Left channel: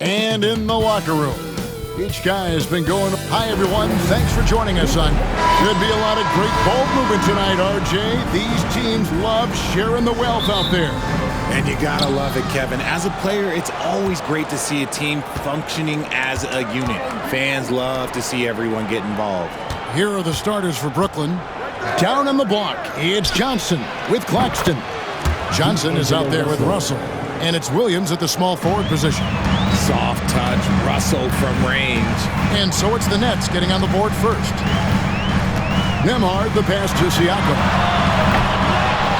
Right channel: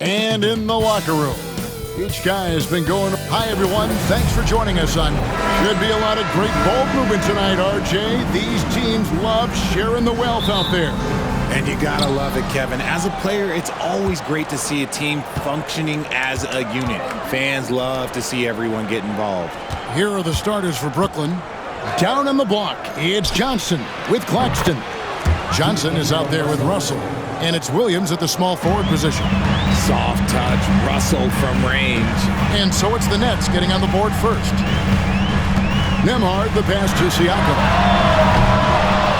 And in the locker room, each guy has been going. Hi, everyone. Thanks for joining us on. Should be a lot of great ball movement tonight, RJ. These teams love sharing the wealth out there. And you gotta love it, Kevin. As a player, it's always great to see a team functioning as a unit. Fans love to see everyone get involved. Here are the starters for Brooklyn. Down on the block, it's Johnson with Claxton. Johnson is out there with Russell. And it's Williams at the small forward position. Soft touch, Russell from range. And so it's the Nets getting on the board first. Nembhard, the pass to Siakam.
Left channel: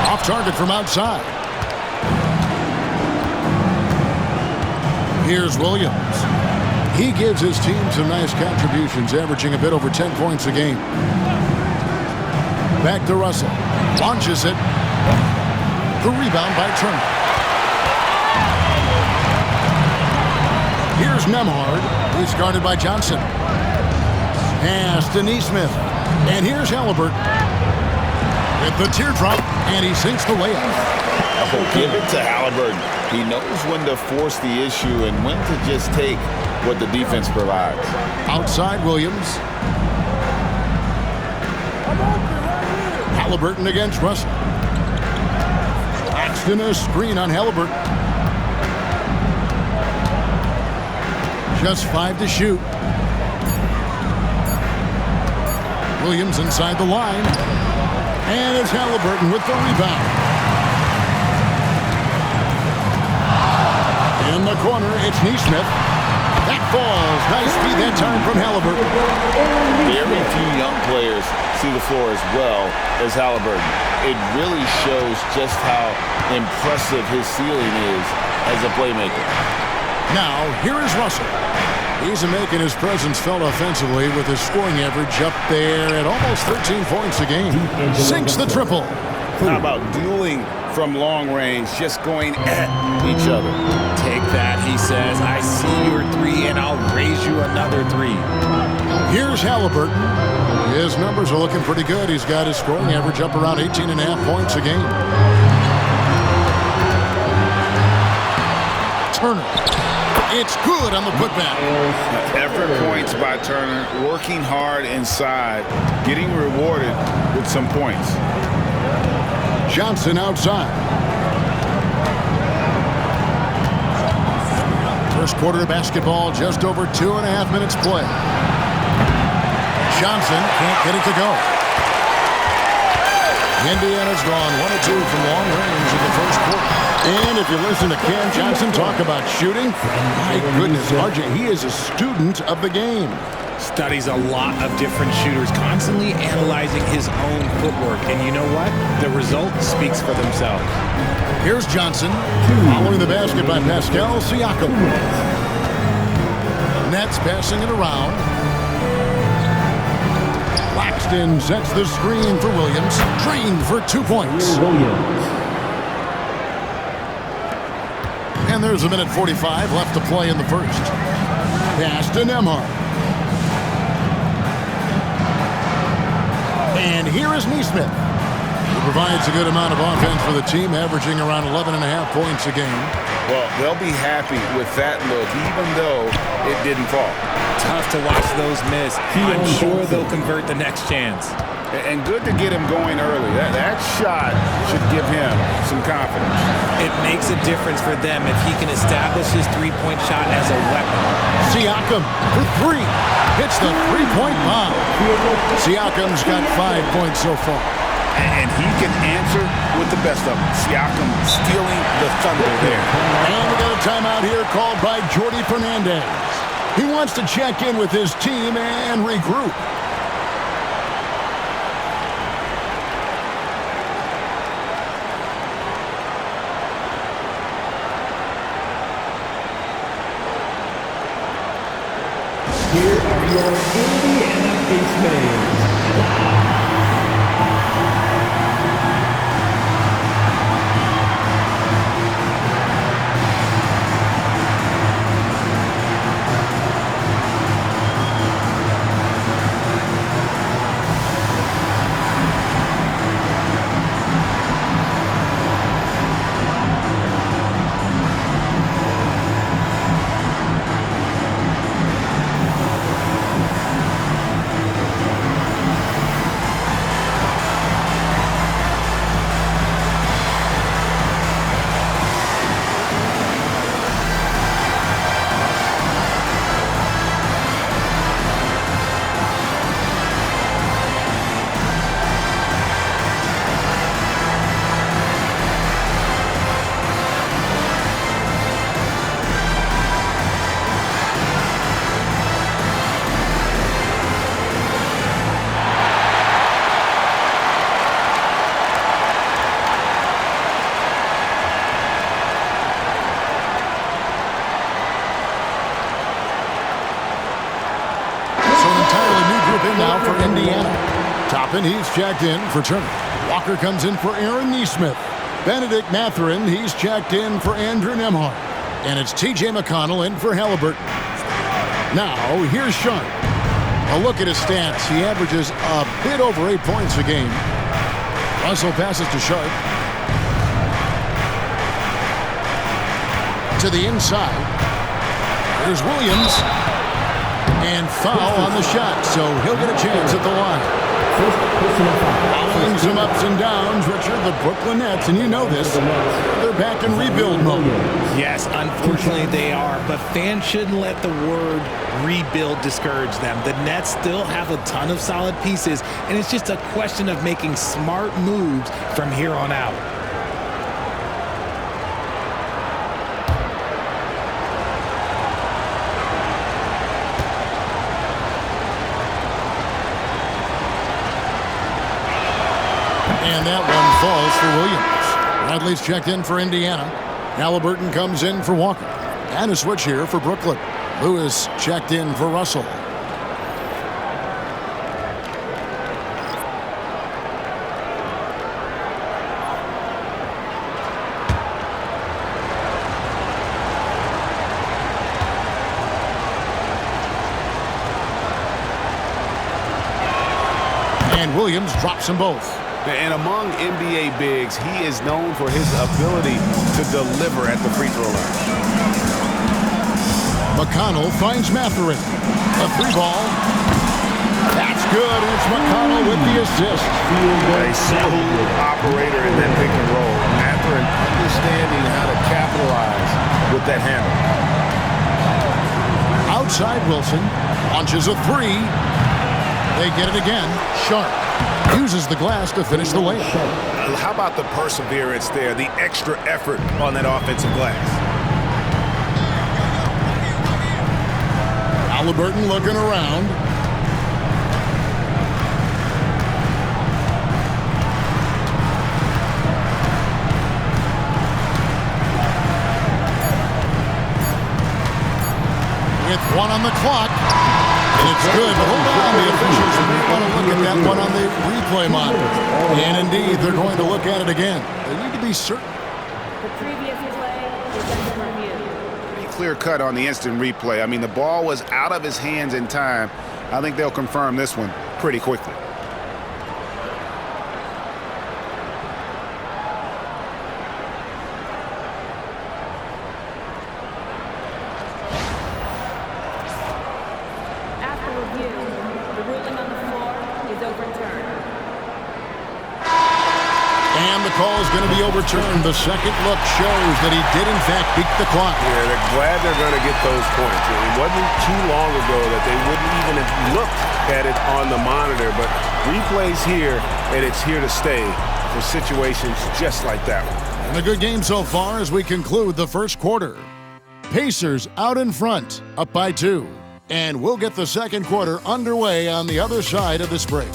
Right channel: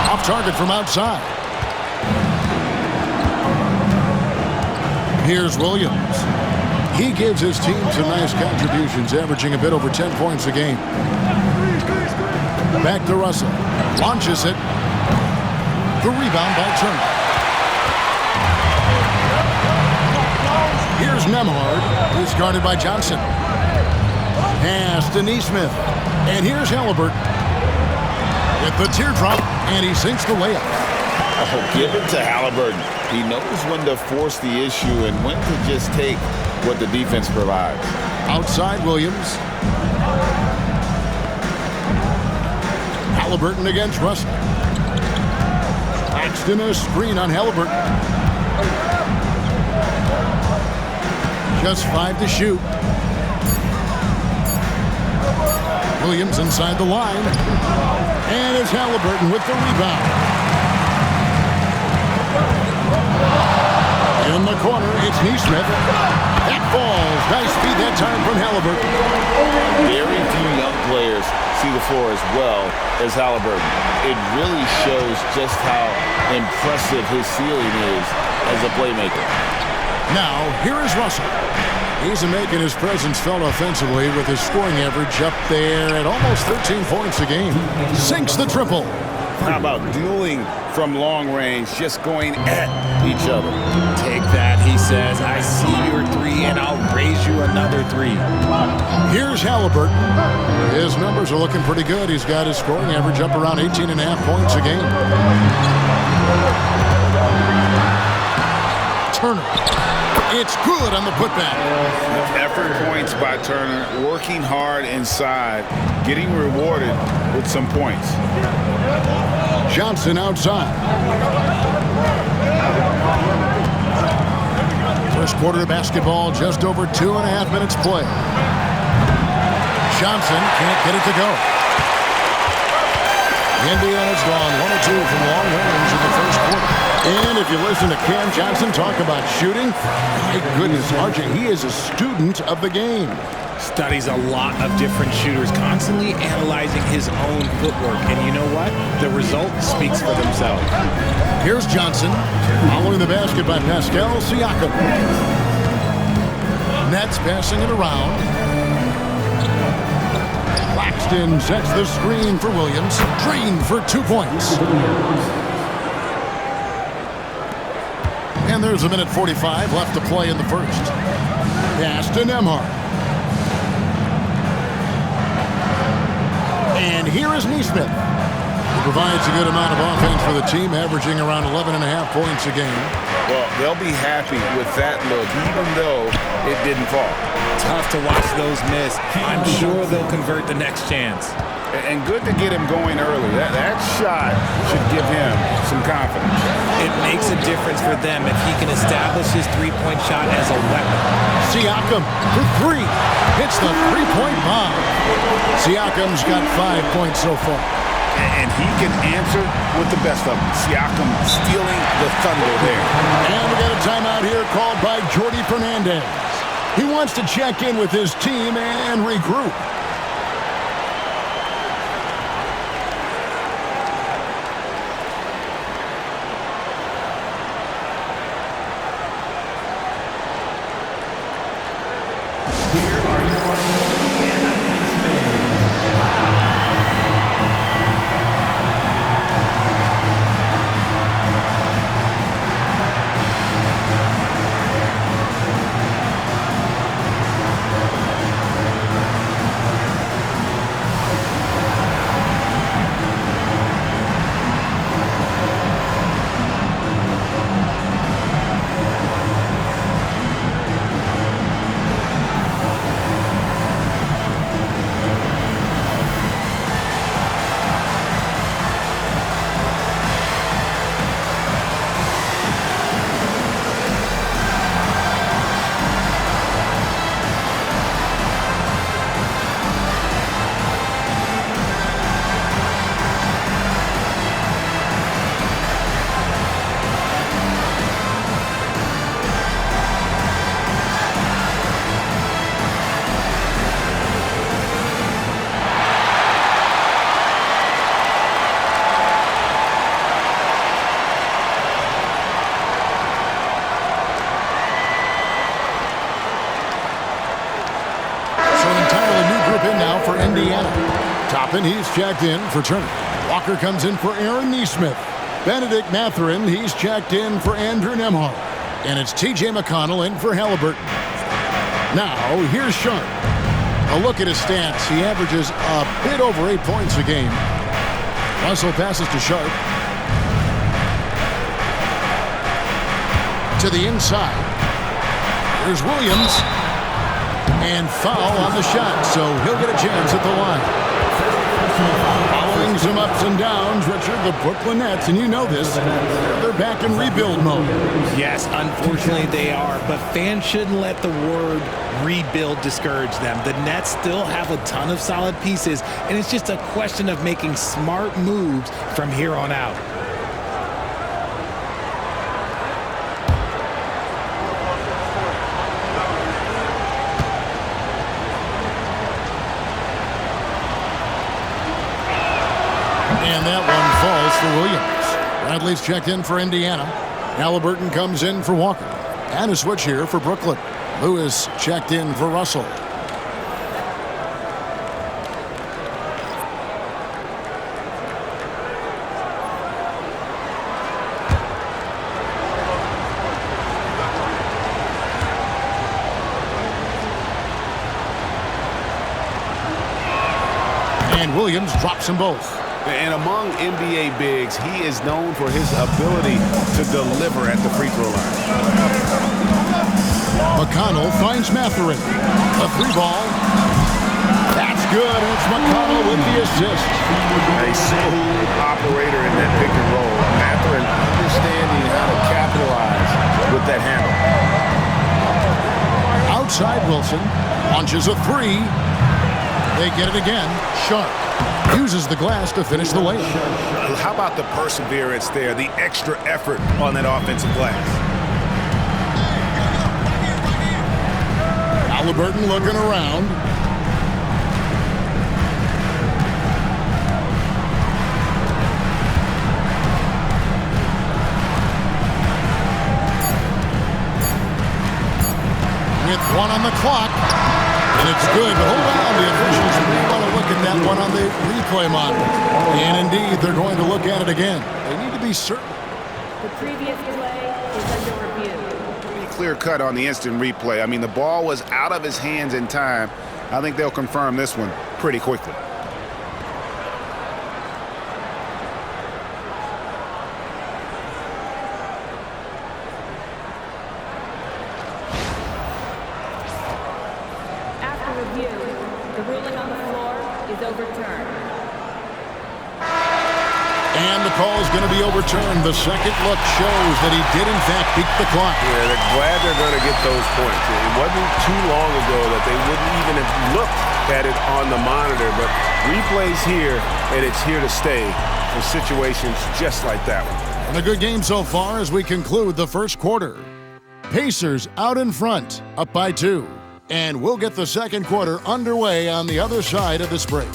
Off target from outside. Here's Williams. He gives his team some nice contributions, averaging a bit over 10 points a game. Back to Russell. Launches it. The rebound by Turner. Here's Nembhard, who's guarded by Johnson. Pass to Nesmith. And here's Halliburton with the teardrop, and he sinks the layup. Oh, give it to Halliburton. He knows when to force the issue and when to just take what the defense provides. Outside Williams. Halliburton against Russell. Claxton a screen on Halliburton. Just 5 to shoot. Williams inside the line. And it's Halliburton with the rebound. In the corner, it's Nesmith. That falls. Nice feed that time from Halliburton. Very few young players see the floor as well as Halliburton. It really shows just how impressive his ceiling is as a playmaker. Now, here is Russell. He's making his presence felt offensively with his scoring average up there at almost 13 points a game. Sinks the triple. How about dueling from long range, just going at each other? Take that, he says. I see your three, and I'll raise you another three. Here's Halliburton. His numbers are looking pretty good. He's got his scoring average up around 18.5 points a game. Turner. It's good on the putback. Effort points by Turner, working hard inside, getting rewarded with some points. Johnson outside. First quarter of basketball, just over 2.5 minutes play. Johnson can't get it to go. Indiana's gone 1 of 2 from long range in the first quarter. And if you listen to Cam Johnson talk about shooting, my goodness, RJ, he is a student of the game. Studies a lot of different shooters, constantly analyzing his own footwork. And you know what? The result speaks for themselves. Here's Johnson, following the basket by Pascal Siakam. Nets passing it around. Claxton sets the screen for Williams. Drained for 2 points. And there's a minute 45 left to play in the first. Pass to Nembhard. And here is Nesmith, who provides a good amount of offense for the team, averaging around 11.5 points a game. Well, they'll be happy with that look, even though it didn't fall. Tough to watch those miss. I'm sure they'll convert the next chance. And good to get him going early. That shot should give him some confidence. It makes a difference for them if he can establish his three-point shot as a weapon. Siakam for 3. Hits the three-point bomb. Siakam's got 5 points so far. And he can answer with the best of them. Siakam stealing the thunder there. And we got a timeout here called by Jordi Fernandez. He wants to check in with his team and regroup. Here are your Indiana basemen. in now for Indiana. Toppin, he's checked in for Turner. Walker comes in for Aaron Nesmith. Benedict Mathurin, he's checked in for Andrew Nembhard. And it's T.J. McConnell in for Halliburton. Now, here's Sharp. A look at his stats. He averages a bit over 8 points a game. Russell passes to Sharp. To the inside. Here's Williams. And foul on the shot, so he'll get a chance at the line. Following some ups and downs, Richard, the Brooklyn Nets, and you know this, they're back in rebuild mode. Yes, unfortunately they are, but fans shouldn't let the word rebuild discourage them. The Nets still have a ton of solid pieces, and it's just a question of making smart moves from here on out. And that one falls for Williams. Bradley's checked in for Indiana. Halliburton comes in for Walker. And a switch here for Brooklyn. Lewis checked in for Russell. And Williams drops them both. And among NBA bigs, he is known for his ability to deliver at the free throw line. McConnell finds Mathurin. A three ball. That's good, and it's McConnell with the assist. A smooth operator in that pick and roll. Mathurin understanding how to capitalize with that handle. Outside Wilson. Launches a three. They get it again. Sharp uses the glass to finish the layup. How about the perseverance there, the extra effort on that offensive glass? Halliburton looking around. With one on the clock. And it's good, but hold on. The officials may want to look at that one on the replay monitor. And indeed, they're going to look at it again. They need to be certain. The previous play is under review. Pretty clear cut on the instant replay. I mean, the ball was out of his hands in time. I think they'll confirm this one pretty quickly. Review. The ruling on the floor is overturned. And the call is going to be overturned. The second look shows that he did, in fact, beat the clock. Yeah, they're glad they're going to get those points. It wasn't too long ago that they wouldn't even have looked at it on the monitor, but replays here, and it's here to stay for situations just like that one. And a good game so far as we conclude the first quarter. Pacers out in front, up by 2. And we'll get the second quarter underway on the other side of this break.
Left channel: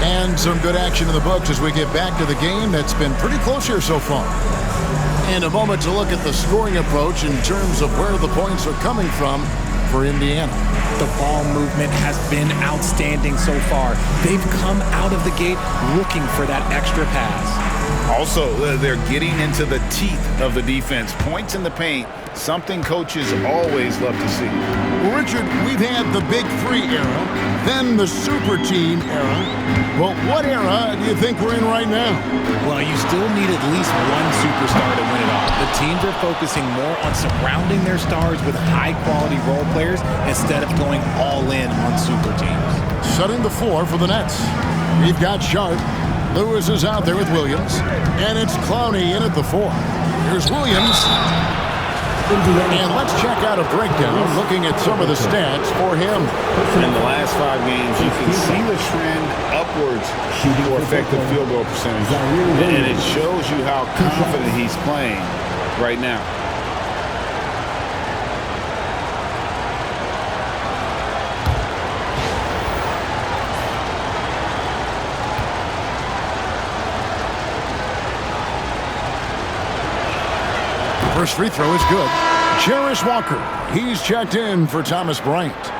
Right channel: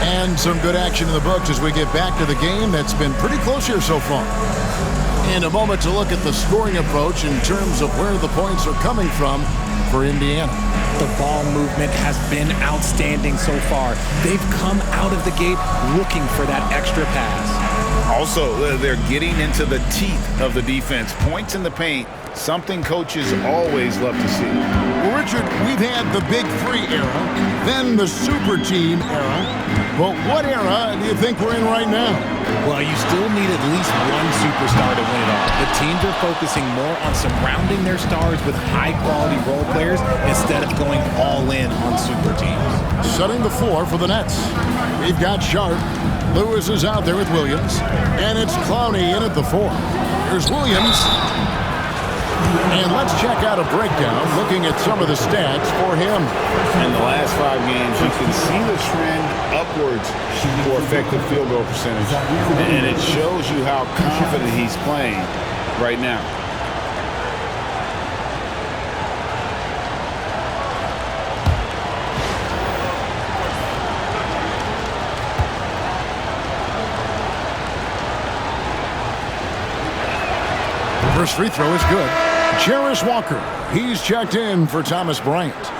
And some good action in the books as we get back to the game that's been pretty close here so far. And a moment to look at the scoring approach in terms of where the points are coming from for Indiana. The ball movement has been outstanding so far. They've come out of the gate looking for that extra pass. Also, they're getting into the teeth of the defense. Points in the paint, something coaches always love to see. Well, Richard, we've had the Big Three era, then the Super Team era. But what era do you think we're in right now? Well, you still need at least one superstar to win it all. The teams are focusing more on surrounding their stars with high-quality role players instead of going all in on super teams. Setting the floor for the Nets. We've got Sharp. Lewis is out there with Williams. And it's Clowney in at the 4. Here's Williams. And let's check out a breakdown looking at some of the stats for him. In the last 5 games, you can see the trend upwards for effective field goal percentage. And it shows you how confident he's playing right now. First free throw is good. Jarris Walker, he's checked in for Thomas Bryant.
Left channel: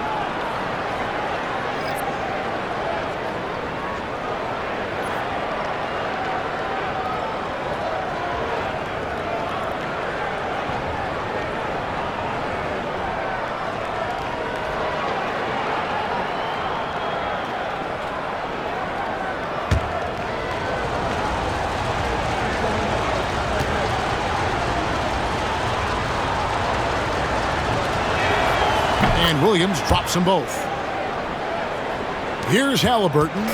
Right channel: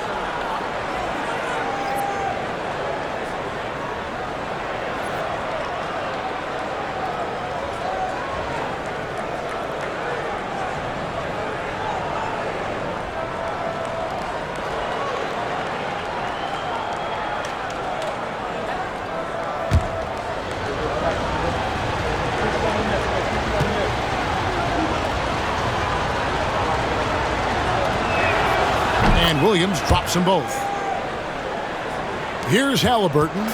And Williams drops them both. Here's Halliburton.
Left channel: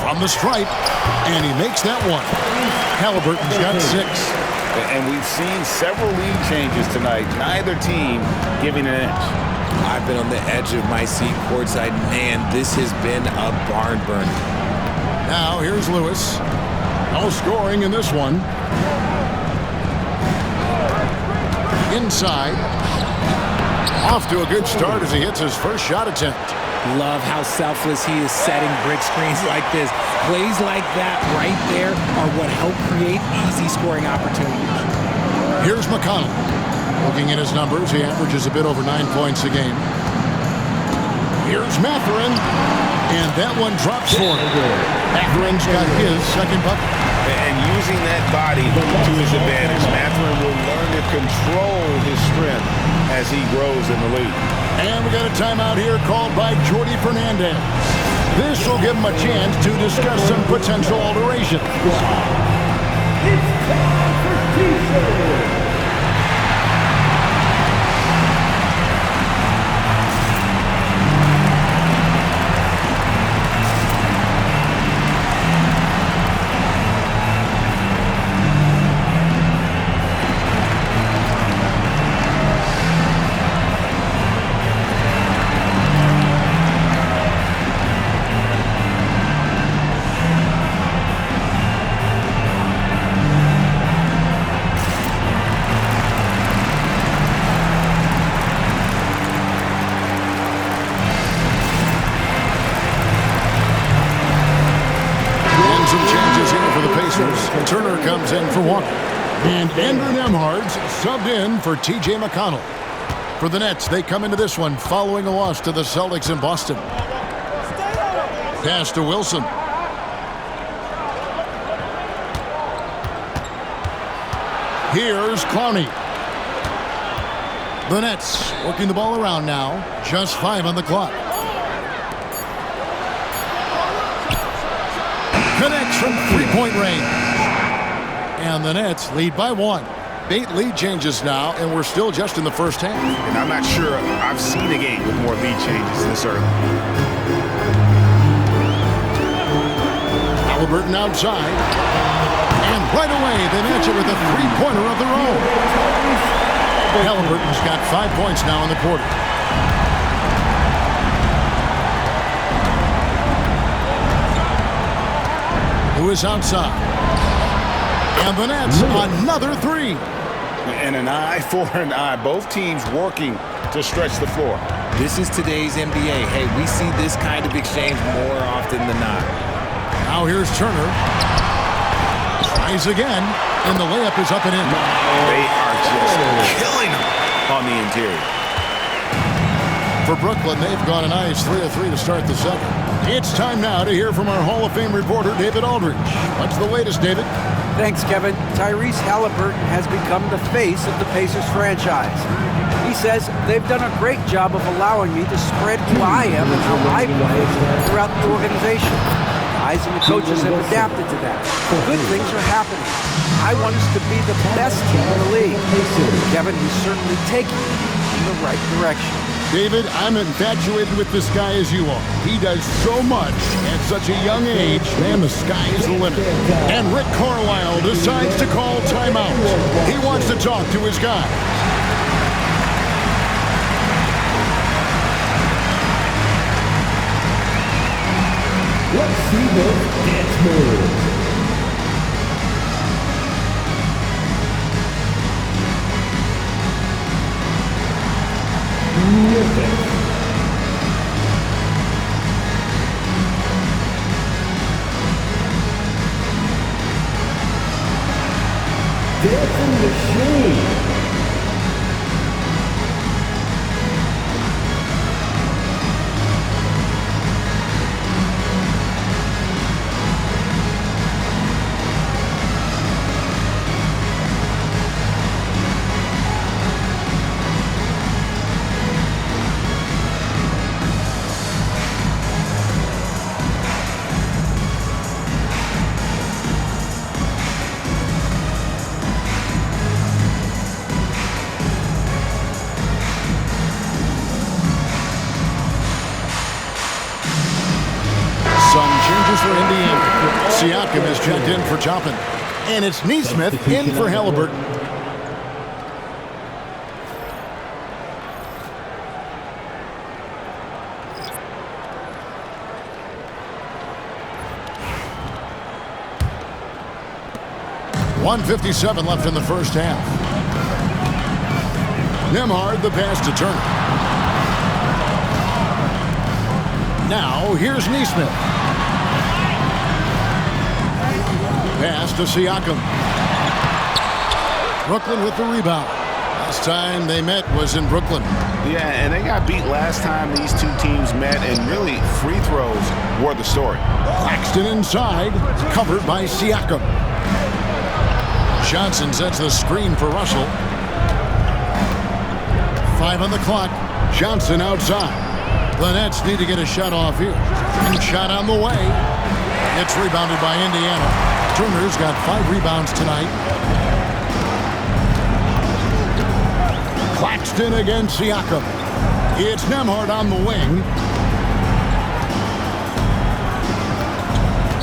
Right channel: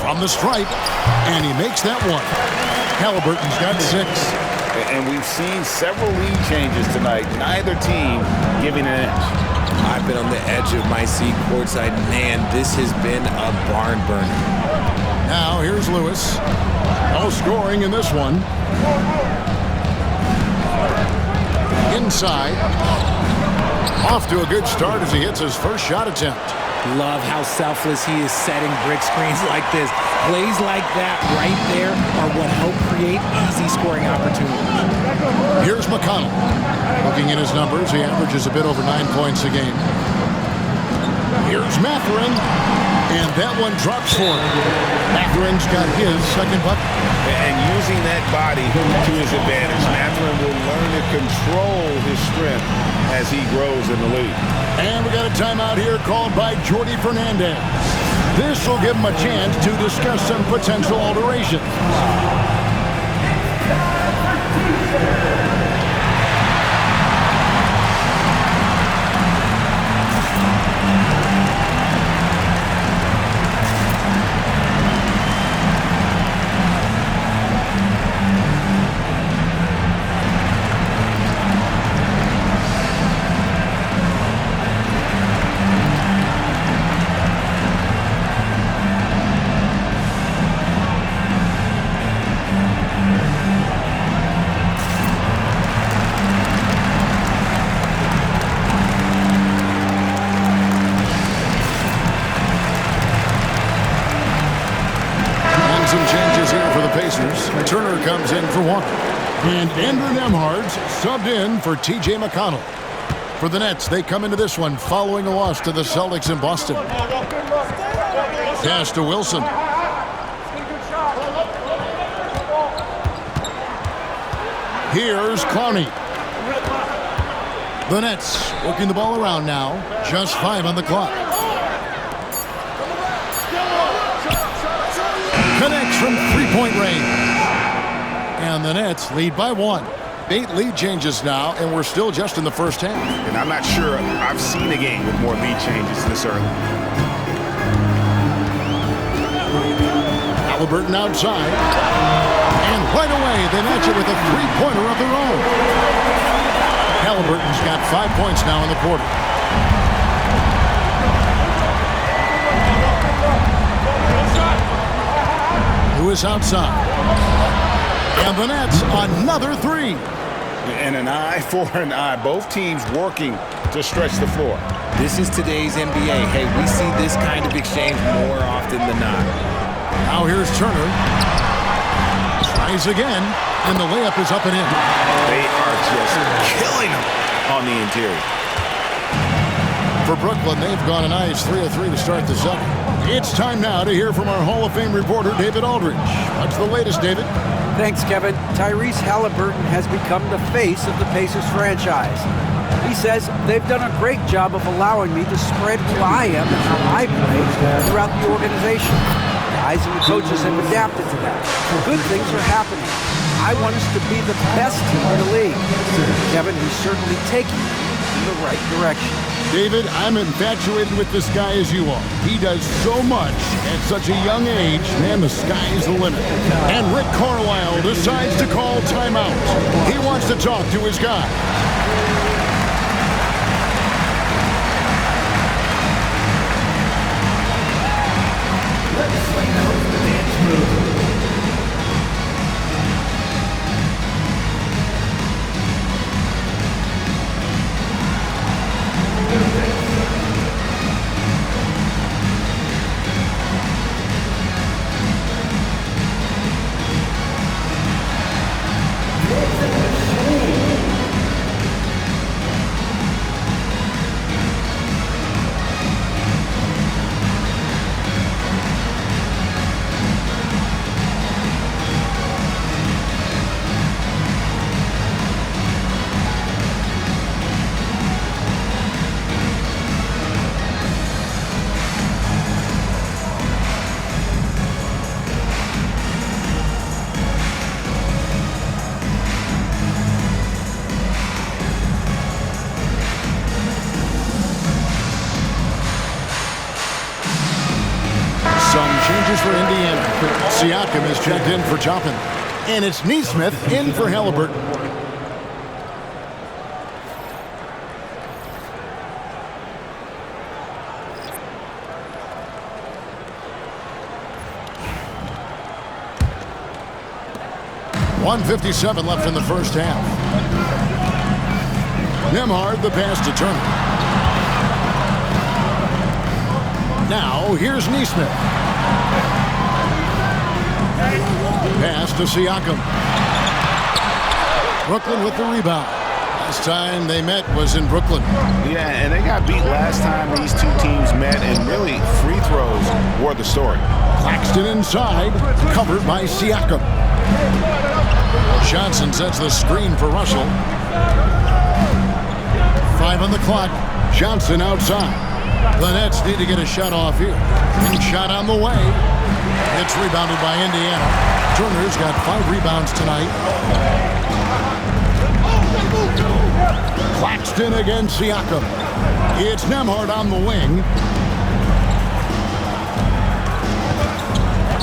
From the stripe, and he makes that one. Halliburton's got 6. And we've seen several lead changes tonight. Neither team giving an inch. I've been on the edge of my seat courtside. Man, this has been a barn burner. Now here's Lewis. No scoring in this one. Inside. Off to a good start as he hits his first shot attempt. Love how selfless he is setting brick screens like this. Plays like that right there are what help create easy scoring opportunities. Here's McConnell. Looking at his numbers, he averages a bit over 9 points a game. Here's Mathurin, and that one drops for him. Mathurin's got his second bucket. And using that body to his advantage, Mathurin will learn to control his strength as he grows in the league. And we got a timeout here called by Jordi Fernandez. This will give him a chance to discuss some potential alterations. It's time for T-shirts. Some changes here for the Pacers. Turner comes in for Walker. And Andrew Nembhard's subbed in for T.J. McConnell. For the Nets, they come into this one following a loss to the Celtics in Boston. Pass to Wilson. Here's Clowney. The Nets working the ball around now. Just 5 on the clock. Connects from three-point range. And the Nets lead by 1. 8 lead changes now, and we're still just in the first half. And I'm not sure I've seen a game with more lead changes this early. Halliburton outside. And right away, they match it with a three-pointer of their own. Halliburton's got 5 points now in the quarter. Lewis outside. And the Nets, another 3. And an eye for an eye. Both teams working to stretch the floor. This is today's NBA. Hey, we see this kind of exchange more often than not. Now here's Turner. Tries again, and the layup is up and in. They are just killing them on the interior. For Brooklyn, they've gone a nice 3 of 3 to start the second. It's time now to hear from our Hall of Fame reporter, David Aldridge. What's the latest, David? Thanks, Kevin. Tyrese Halliburton has become the face of the Pacers franchise. He says, they've done a great job of allowing me to spread who I am and how I play throughout the organization. Guys and the coaches have adapted to that. Good things are happening. I want us to be the best team in the league. Kevin, he's certainly taking them in the right direction. David, I'm infatuated with this guy as you are. He does so much at such a young age. Man, the sky is the limit. And Rick Carlisle decides to call timeout. He wants to talk to his guys. Let's see those dance moves. Music. changes for Indiana. Siakam is checked in for Toppin. And it's Nesmith in for Halliburton. .157 left in the first half. Nembhard the pass to Turner. Now here's Nesmith. Pass to Siakam. Brooklyn with the rebound. Last time they met was in Brooklyn. Yeah, and they got beat last time these two teams met, and really free throws were the story. Claxton inside, covered by Siakam. Johnson sets the screen for Russell. 5 on the clock. Johnson outside. The Nets need to get a shot off here. And shot on the way. It's rebounded by Indiana. Turner's got 5 rebounds tonight. Claxton against Siakam. It's Nembhard on the wing.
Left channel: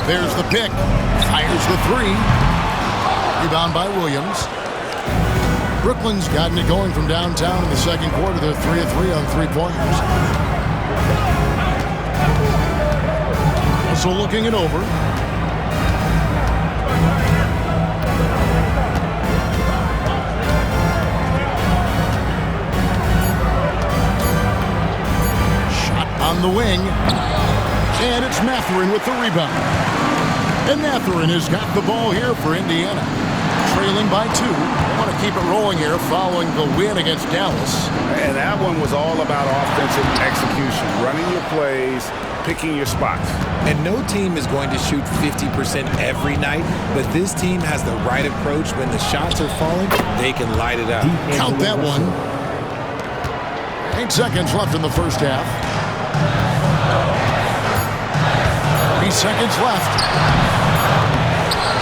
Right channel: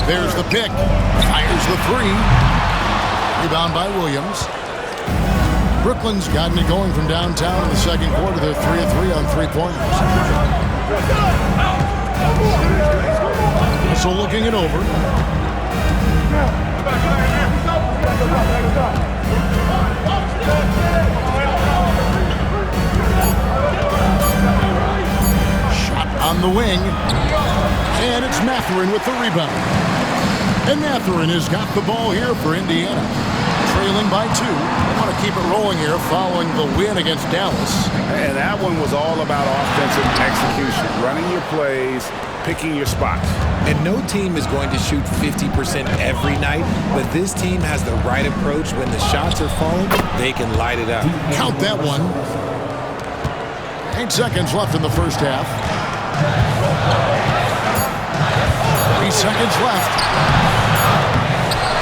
There's the pick. Fires the 3. Rebound by Williams. Brooklyn's gotten it going from downtown in the second quarter. They're 3 of 3 on 3-pointers. Russell looking it over. Shot on the wing. And it's Mathurin with the rebound. And Mathurin has got the ball here for Indiana. Trailing by 2. They want to keep it rolling here following the win against Dallas. And that one was all about offensive execution, running your plays, picking your spots. And no team is going to shoot 50% every night, but this team has the right approach. When the shots are falling, they can light it up. Count that one. 8 seconds left in the first half. 3 seconds left.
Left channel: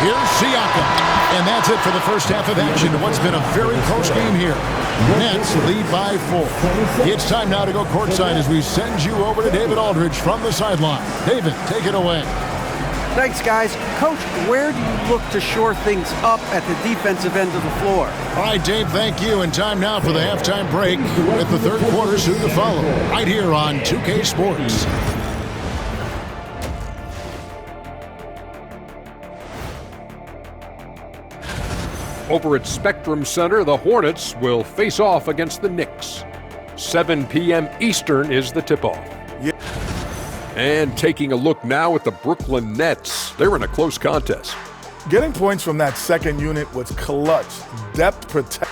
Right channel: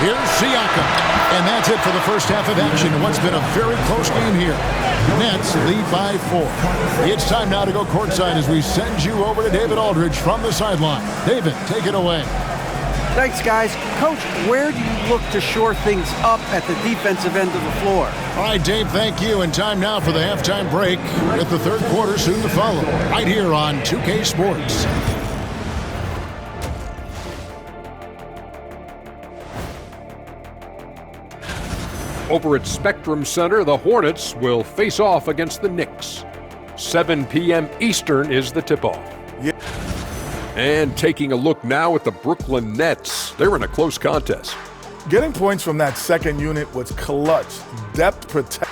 Here's Siakam. And that's it for the first half of action in what's been a very close game here. Nets lead by 4. It's time now to go courtside as we send you over to David Aldridge from the sideline. David, take it away. Thanks, guys. Coach, where do you look to shore things up at the defensive end of the floor? All right, Dave, thank you. And time now for the halftime break with the third quarter soon to follow. Right here on 2K Sports. Over at Spectrum Center, the Hornets will face off against the Knicks. 7 p.m. Eastern is the tip-off. Yeah. And taking a look now at the Brooklyn Nets. They're in a close contest. Getting points from that second unit was clutch. Depth protect.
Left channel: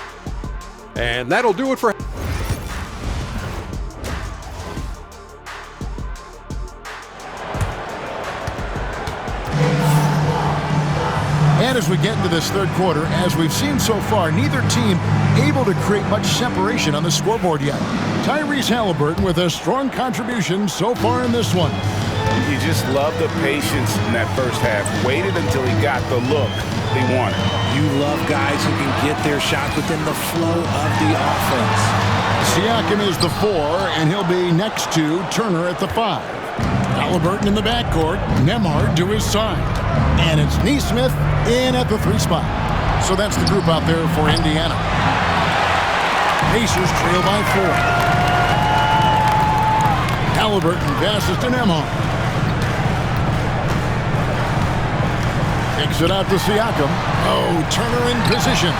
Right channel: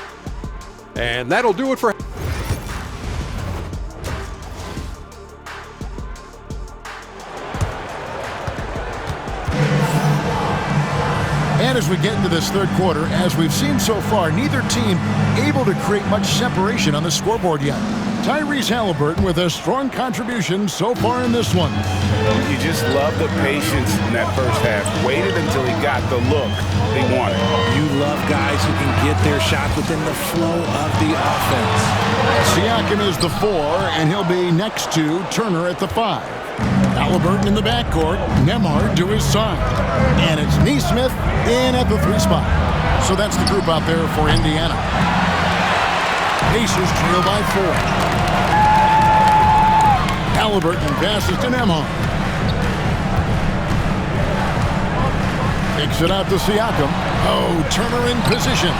And that'll do it for... And as we get into this third quarter, as we've seen so far, neither team able to create much separation on the scoreboard yet. Tyrese Halliburton with a strong contribution so far in this one. You just love the patience in that first half. Waited until he got the look they wanted. You love guys who can get their shots within the flow of the offense. Siakam is the 4, and he'll be next to Turner at the 5. Halliburton in the backcourt, Nembhard to his side. And it's Nesmith in at the 3 spot. So that's the group out there for Indiana. Pacers trail by 4. Halliburton passes to Nembhard. Kicks it out to Siakam. Oh, Turner in position.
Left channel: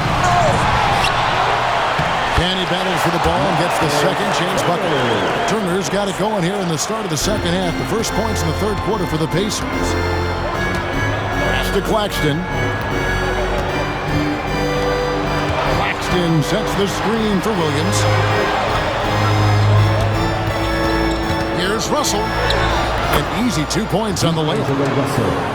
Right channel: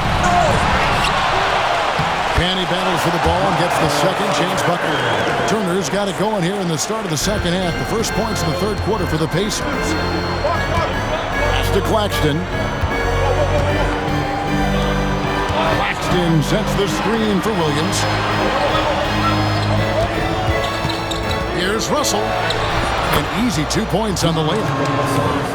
And he battles for the ball and gets the second chance bucket. Turner's got it going here in the start of the second half. The first points in the third quarter for the Pacers. Pass to Claxton. Claxton sets the screen for Williams. Here's Russell. An easy 2 points on the layup.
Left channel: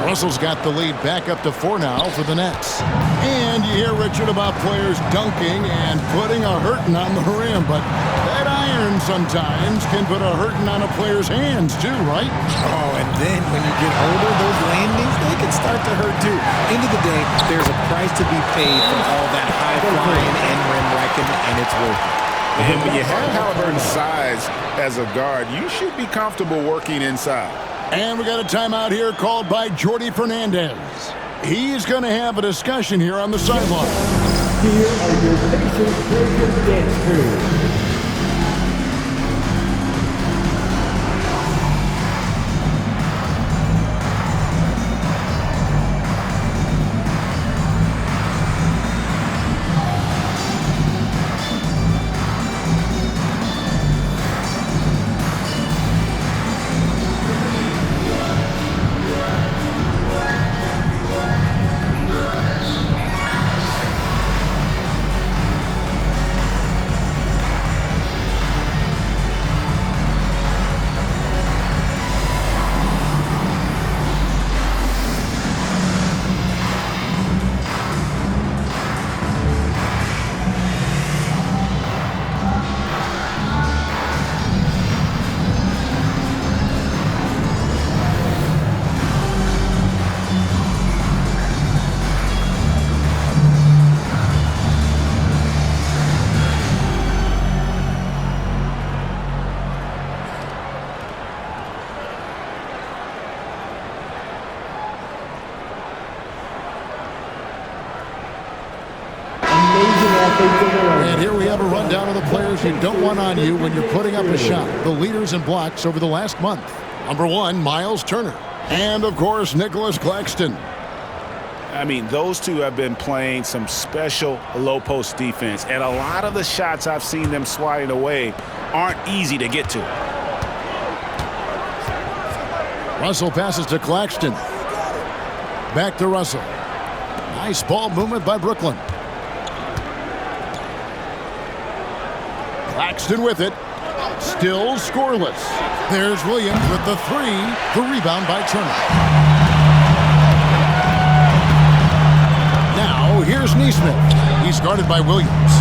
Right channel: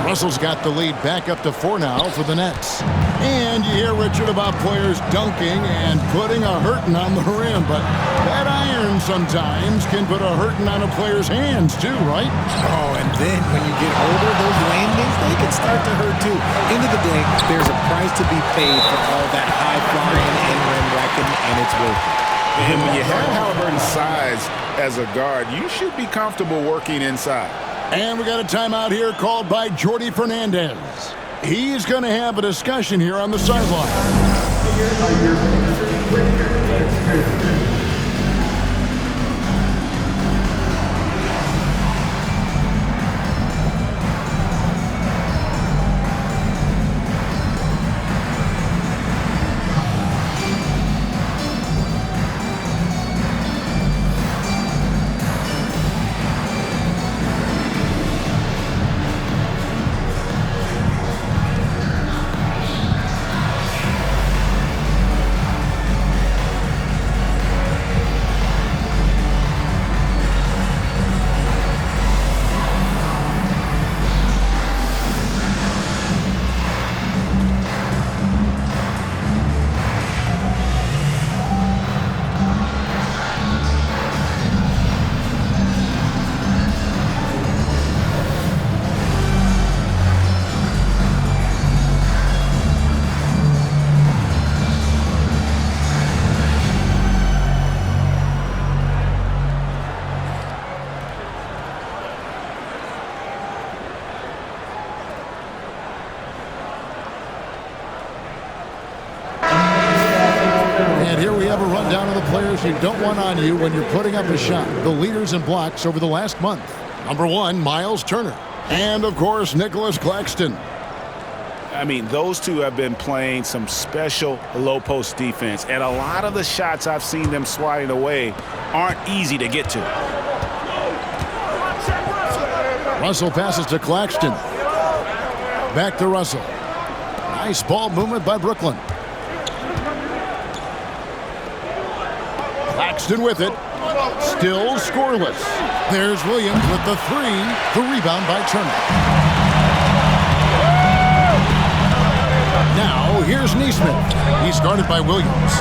Russell's got the lead back up to 4 now for the Nets. And you hear, Richard, about players dunking and putting a hurting on the rim, but that iron sometimes can put a hurting on a player's hands too, right? Oh, and then when you get older, those landings, they can start to hurt too. End of the day, there's a price to be paid for all that high flying and rim wrecking, and it's worth it. And when you have Halliburton's size as a guard, you should be comfortable working inside. And we got a timeout here called by Jordi Fernandez. He's going to have a discussion here on the sideline. Here are your Pacers Breaker dance crew. And here we have a rundown of the players you don't want on you when you're putting up a shot. The leaders in blocks over the last month. Number 1, Miles Turner. And, of course, Nicholas Claxton. I mean, those two have been playing some special low-post defense, and a lot of the shots I've seen them swatting away aren't easy to get to. Russell passes to Claxton. Back to Russell. Nice ball movement by Brooklyn. Claxton with it. Still scoreless. There's Williams with the 3. The rebound by Turner. Now, here's Nesmith. He's guarded by Williams.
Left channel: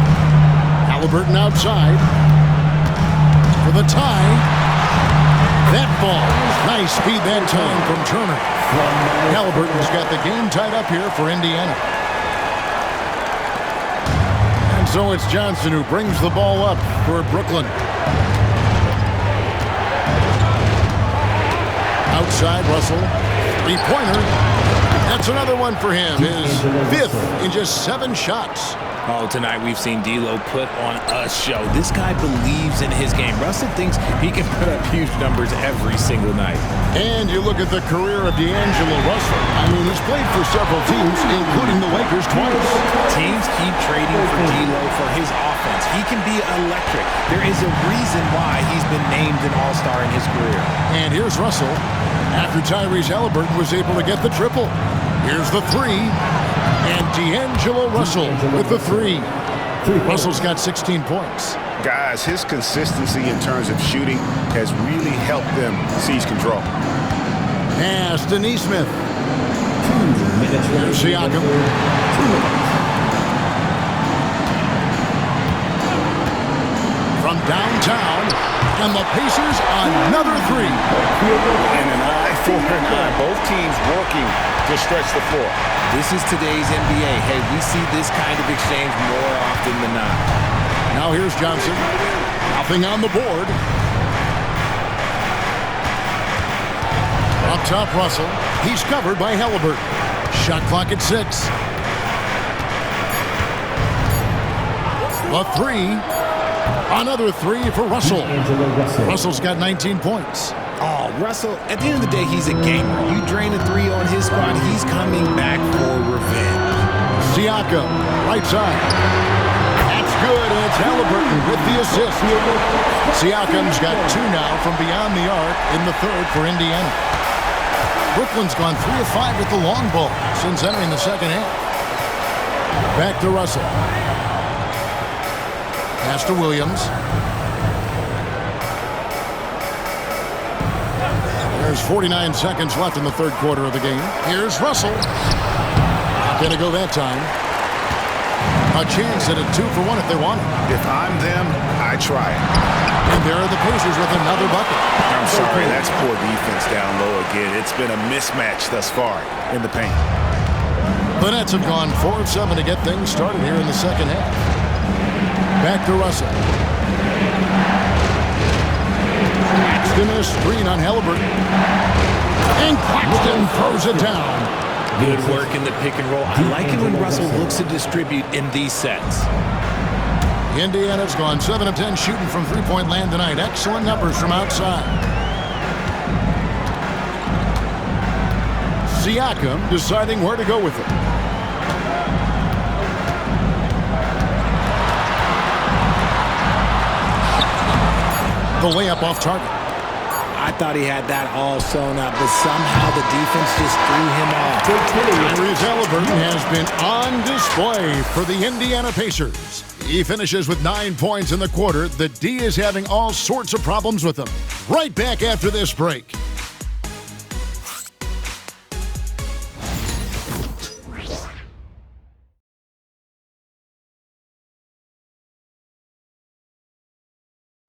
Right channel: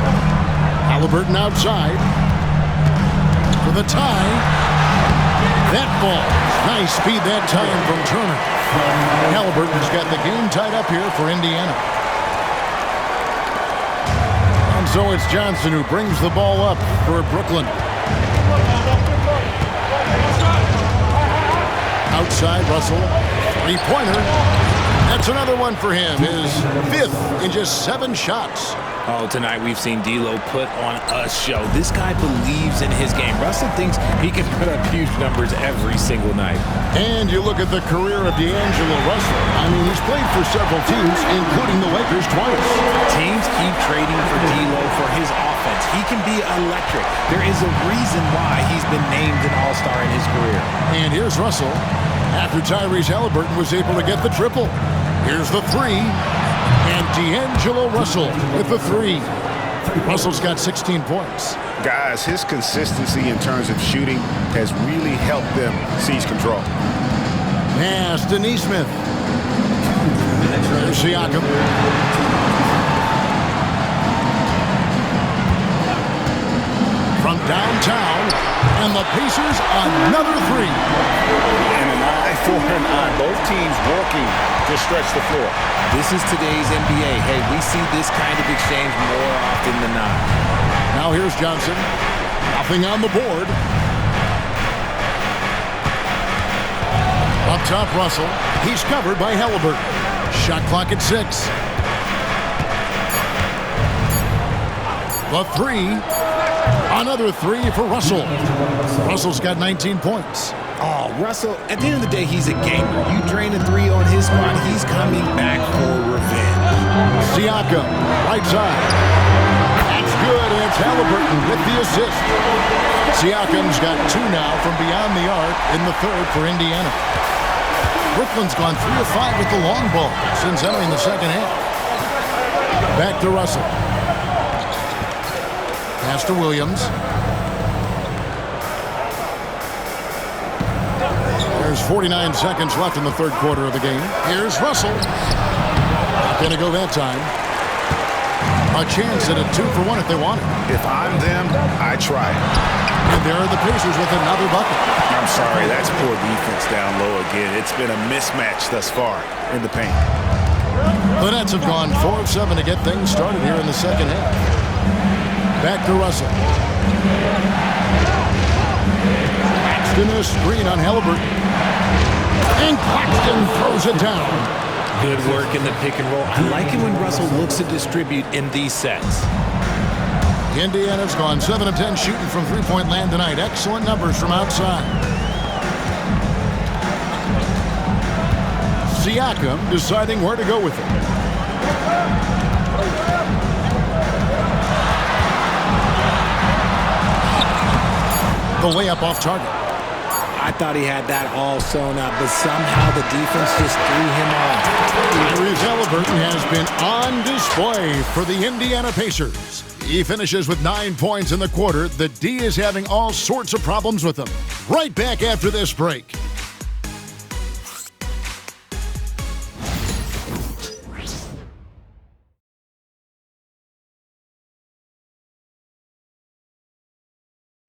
Halliburton outside. For the tie. That falls. Nice speed that time from Turner. Halliburton's got the game tied up here for Indiana. And so it's Johnson who brings the ball up for Brooklyn. Outside, Russell. Three-pointer. That's another one for him. His 5th in just 7 shots. Oh, tonight we've seen D'Lo put on a show. This guy believes in his game. Russell thinks he can put up huge numbers every single night. And you look at the career of D'Angelo Russell. I mean, he's played for several teams, including the Lakers twice. Teams keep trading for D'Lo for his offense. He can be electric. There is a reason why he's been named an all-star in his career. And here's Russell after Tyrese Halliburton was able to get the triple. Here's the 3. And D'Angelo Russell with the 3. Russell's got 16 points. Guys, his consistency in terms of shooting has really helped them seize control. Pass to Nesmith. There's Siakam. From downtown, and the Pacers another 3. And an eye for an eye. Both teams working to stretch the floor. This is today's NBA. Hey, we see this kind of exchange more often than not. Now here's Johnson. Nothing on the board. Up top, Russell. He's covered by Halliburton. Shot clock at 6. The 3. Another 3 for Russell. Russell's got 19 points. Oh, Russell, at the end of the day, he's a gamer. You drain a 3 on his squad, he's coming back for revenge. Siakam, right side. That's good, and it's Halliburton with the assist. Siakam's got 2 now from beyond the arc in the 3rd for Indiana. Brooklyn's gone 3 of 5 with the long ball since entering the second half. Back to Russell. Pass to Williams. There's 49 seconds left in the 3rd quarter of the game. Here's Russell. Not going to go that time. A chance at a 2 for 1 if they want it. If I'm them, I try it. And there are the Pacers with another bucket. I'm sorry, that's poor defense down low again. It's been a mismatch thus far in the paint. The Nets have gone 4 of 7 to get things started here in the second half. Back to Russell. Claxton a screen on Halliburton. And Claxton throws it down. Good work in the pick and roll. I like it when Russell looks to distribute in these sets. Indiana's gone 7 of 10 shooting from three-point land tonight. Excellent numbers from outside. Siakam deciding where to go with it. The layup off target. I thought he had that all sewn up, but somehow the defense just threw him off. Tyrese Haliburton has been on display for the Indiana Pacers. He finishes with 9 points in the quarter. The D is having all sorts of problems with him. Right back after this break.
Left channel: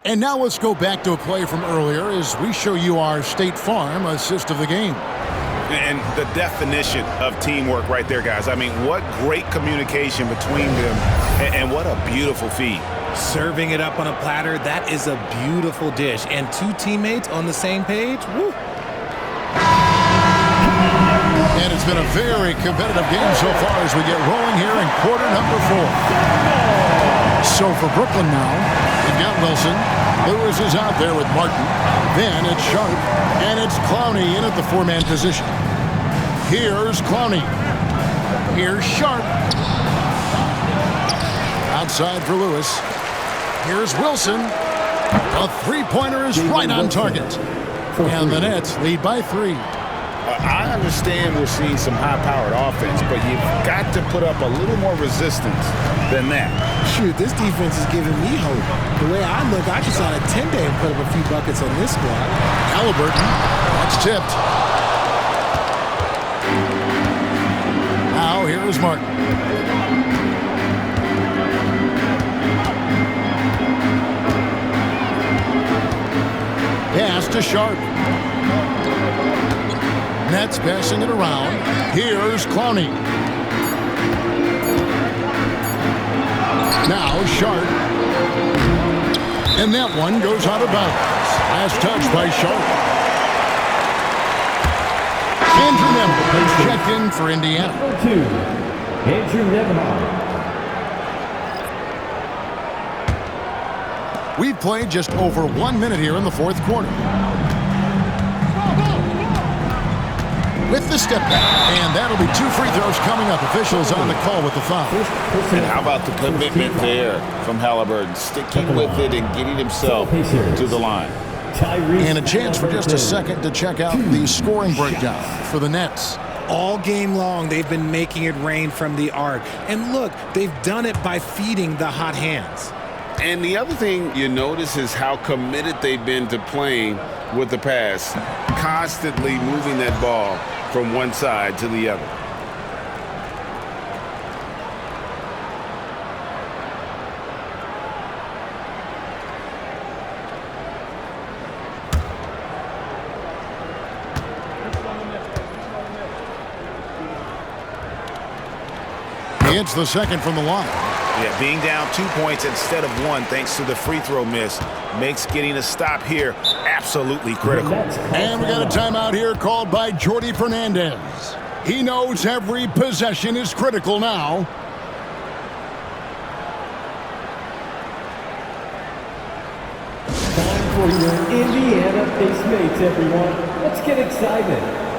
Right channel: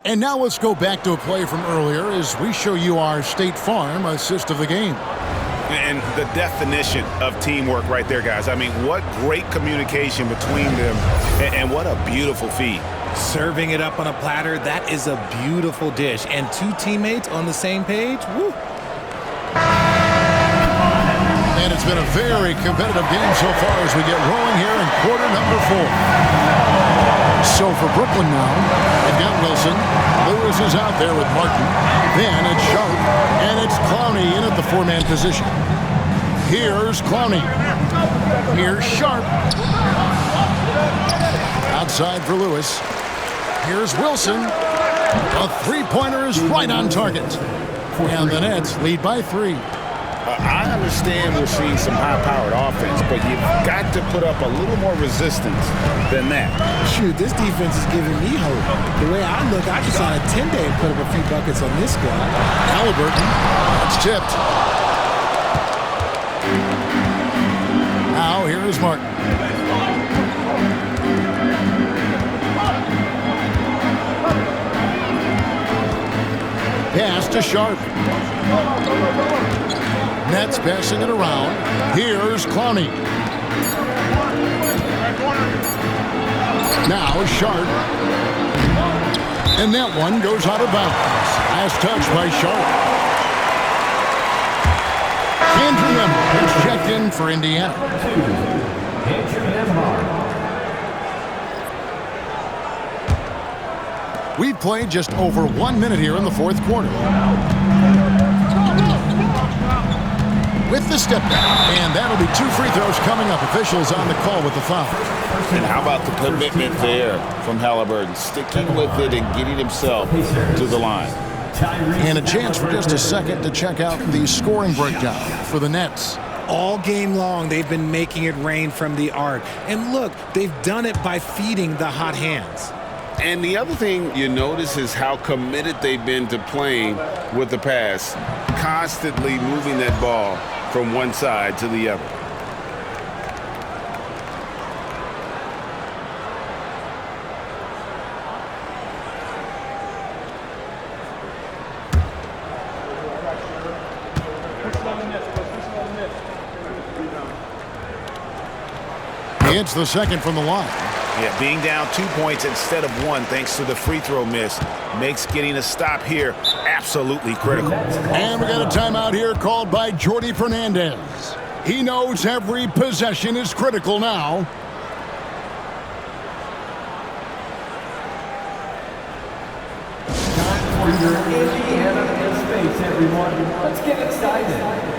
And now let's go back to a play from earlier as we show you our State Farm assist of the game. And the definition of teamwork right there, guys. I mean, what great communication between them, and what a beautiful feed. Serving it up on a platter, that is a beautiful dish. And two teammates on the same page, woo. And it's been a very competitive game so far as we get rolling here in quarter number 4. So for Brooklyn now, they've got Wilson. Lewis is out there with Martin. Then it's Sharp, and it's Clowney in at the 4-man position. Here's Clowney. Here's Sharp. Outside for Lewis. Here's Wilson. A three-pointer is right on target. And the Nets lead by 3. I understand we're seeing some high-powered offense, but you've got to put up a little more resistance than that. Shoot, this defense is giving me hope. The way I look, I could sign a 10-day and put up a few buckets on this squad. Haliburton, that's tipped. Now here's Martin. Pass to Sharp. Nets passing it around. Here's Clowney. Now Sharp. And that one goes out of bounds. Last touch by Sharp. Andrew Nembhard is checked in for Indiana. Number 2, Andrew Nembhard. We've played just over 1 minute here in the fourth quarter. With the step back, and that'll be 2 free throws coming up. Officials on the call with the foul. And how about the commitment there from Haliburton, sticking with it and getting himself to the line. And a chance for just a second to check out the scoring breakdown for the Nets. All game long, they've been making it rain from the arc. And look, they've done it by feeding the hot hands. And the other thing you notice is how committed they've been to playing with the pass, constantly moving that ball from one side to the other. It's the second from the line. Yeah, being down 2 points instead of 1 thanks to the free throw miss makes getting a stop here absolutely critical. And we got a timeout here called by Jordi Fernandez. He knows every possession is critical now. Time for your Indiana Pace mates, everyone. Let's get excited.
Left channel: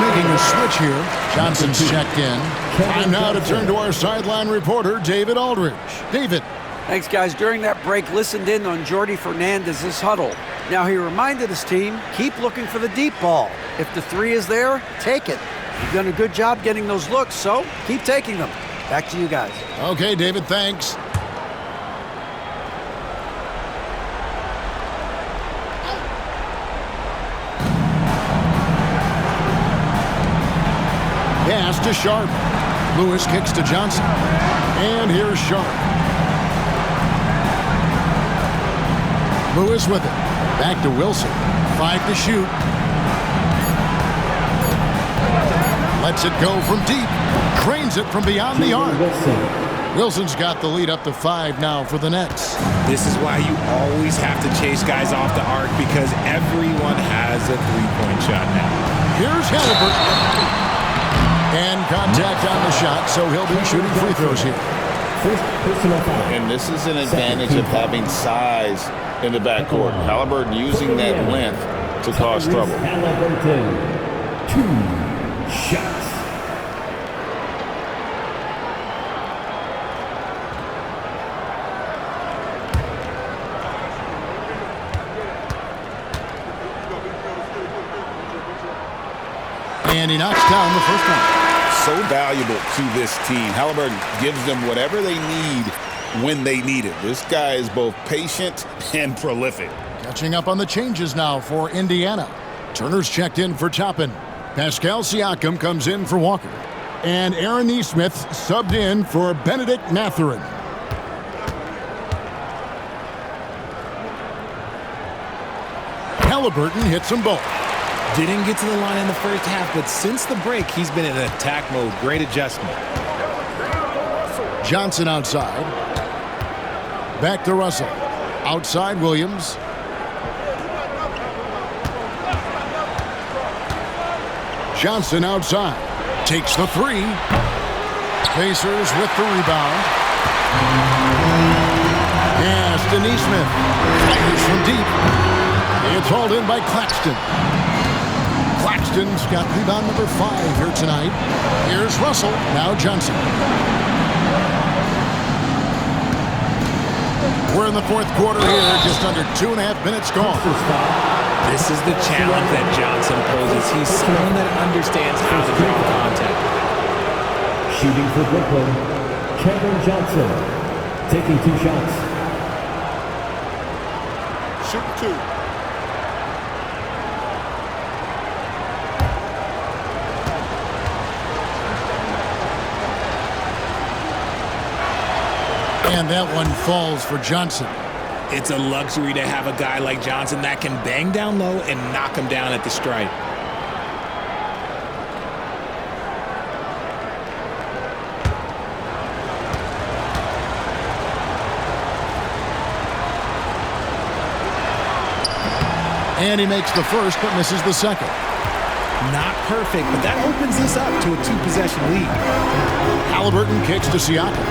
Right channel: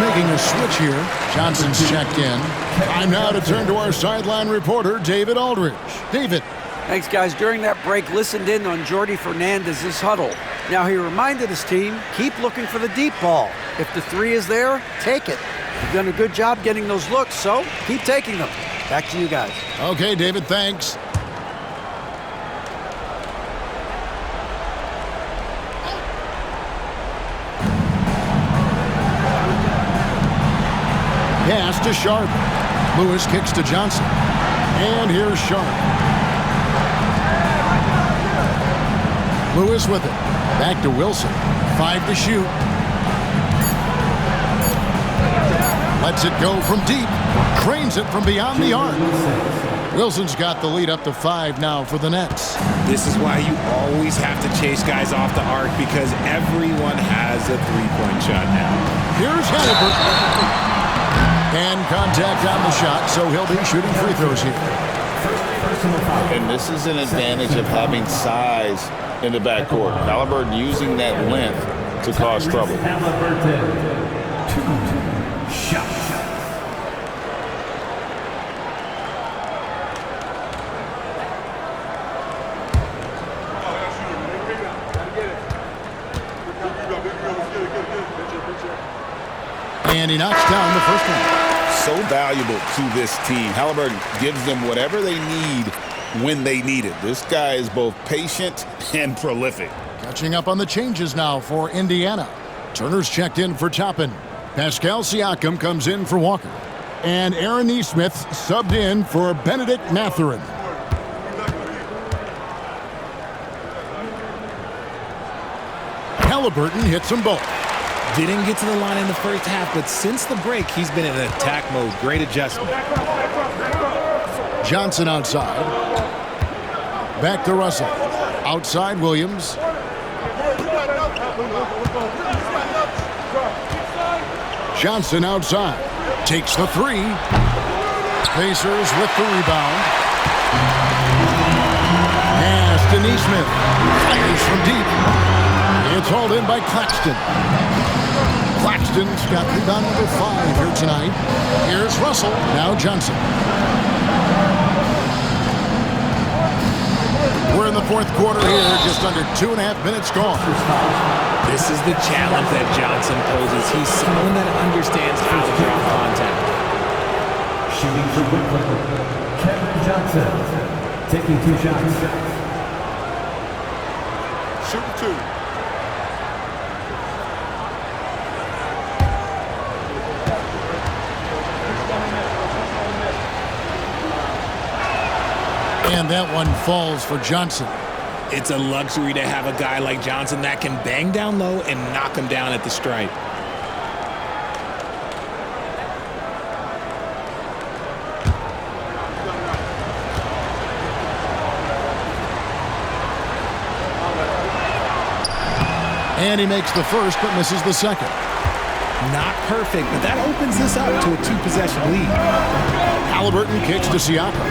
making a switch here. Johnson's checked in. Time now to turn to our sideline reporter, David Aldridge. David. Thanks, guys. During that break, listened in on Jordy Fernandez's huddle. Now, he reminded his team, keep looking for the deep ball. If the three is there, take it. You've done a good job getting those looks, so keep taking them. Back to you guys. Okay, David, thanks. Pass to Sharp. Lewis kicks to Johnson. And here's Sharp. Lewis with it. Back to Wilson. 5 to shoot. Lets it go from deep. Cranes it from beyond the arc. Wilson's got the lead up to 5 now for the Nets. This is why you always have to chase guys off the arc, because everyone has a three-point shot now. Here's Halliburton. And contact on the shot, so he'll be shooting free throws here. First personal foul. And this is an advantage of having size in the backcourt. Halliburton using that length to cause trouble. Halliburton, 2 shots. And he knocks down the first one. So valuable to this team. Halliburton gives them whatever they need when they need it. This guy is both patient and prolific. Catching up on the changes now for Indiana. Turner's checked in for Toppin. Pascal Siakam comes in for Walker. And Aaron Nesmith subbed in for Benedict Mathurin. Halliburton hits them both. Didn't get to the line in the first half, but since the break, he's been in attack mode. Great adjustment. Johnson outside. Back to Russell. Outside Williams. Johnson outside. Takes the 3. Pacers with the rebound. Pass to Nesmith. Fires from deep. It's hauled in by Claxton. Claxton's got rebound number 5 here tonight. Here's Russell. Now Johnson. We're in the fourth quarter here. Just under 2.5 minutes gone. This is the challenge that Johnson poses. He's someone that understands how to draw contact. Shooting for Brooklyn, Kevin Johnson, taking 2 shots. Shooting 2. And that one falls for Johnson. It's a luxury to have a guy like Johnson that can bang down low and knock him down at the stripe. And he makes the first, but misses the second. Not perfect, but that opens this up to a 2-possession lead. Halliburton kicks to Siakam.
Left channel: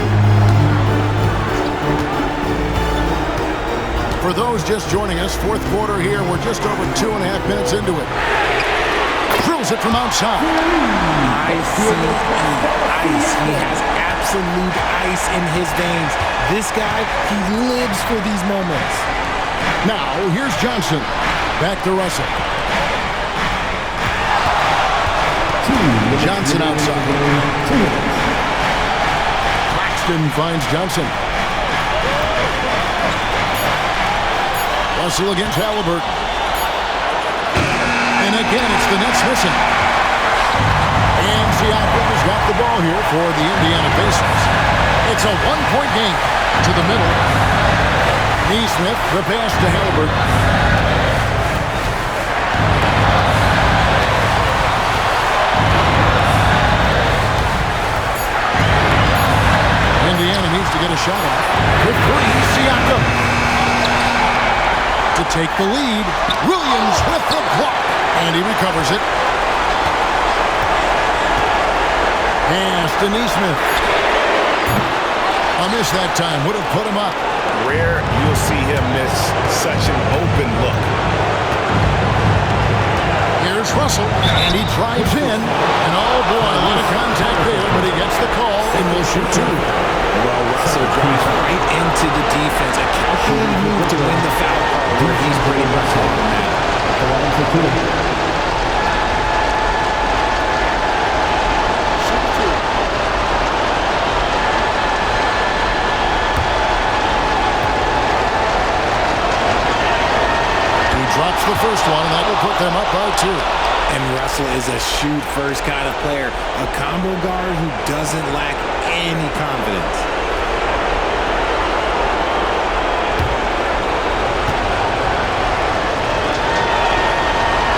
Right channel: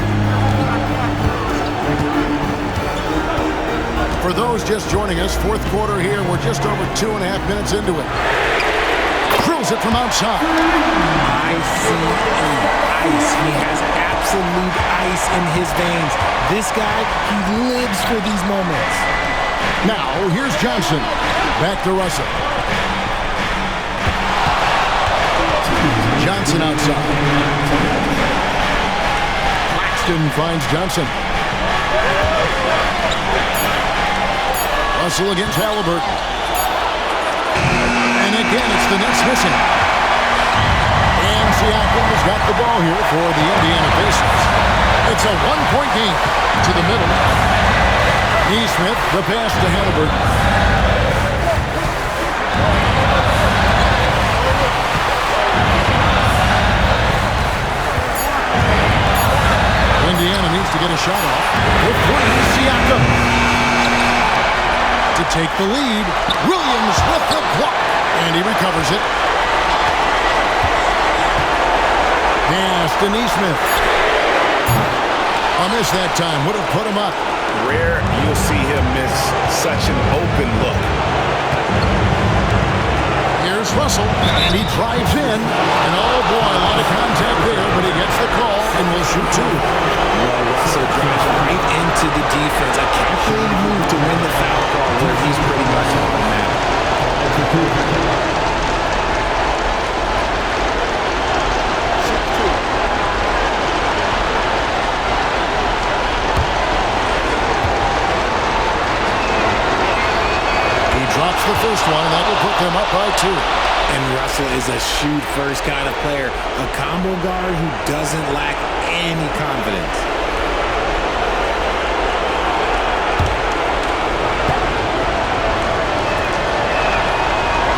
For those just joining us, fourth quarter here. We're just over 2.5 minutes into it. Drills it from outside. ICE. He has absolute ice in his veins. This guy, he lives for these moments. Now, here's Johnson. Back to Russell. Johnson outside. Claxton finds Johnson. Russell against Halliburton. And again, it's the Nets missing. And Siakam has got the ball here for the Indiana Pacers. It's a 1-point game to the middle. Nesmith, the pass to Halliburton. Indiana needs to get a shot off. For 3, Siakam. To take the lead. Williams with the block. And he recovers it. Pass to Nesmith. A miss that time. Would have put him up. Rare you'll see him miss such an open look. Here's Here's Russell, and he drives in. And oh boy, a lot of contact there, but he gets the call and will shoot two. Well, Russell drives right into the defense. A calculated move to win the foul call where he's pretty much automatic. Drops the first one, and that will put them up by 2. And Russell is a shoot-first kind of player, a combo guard who doesn't lack any confidence.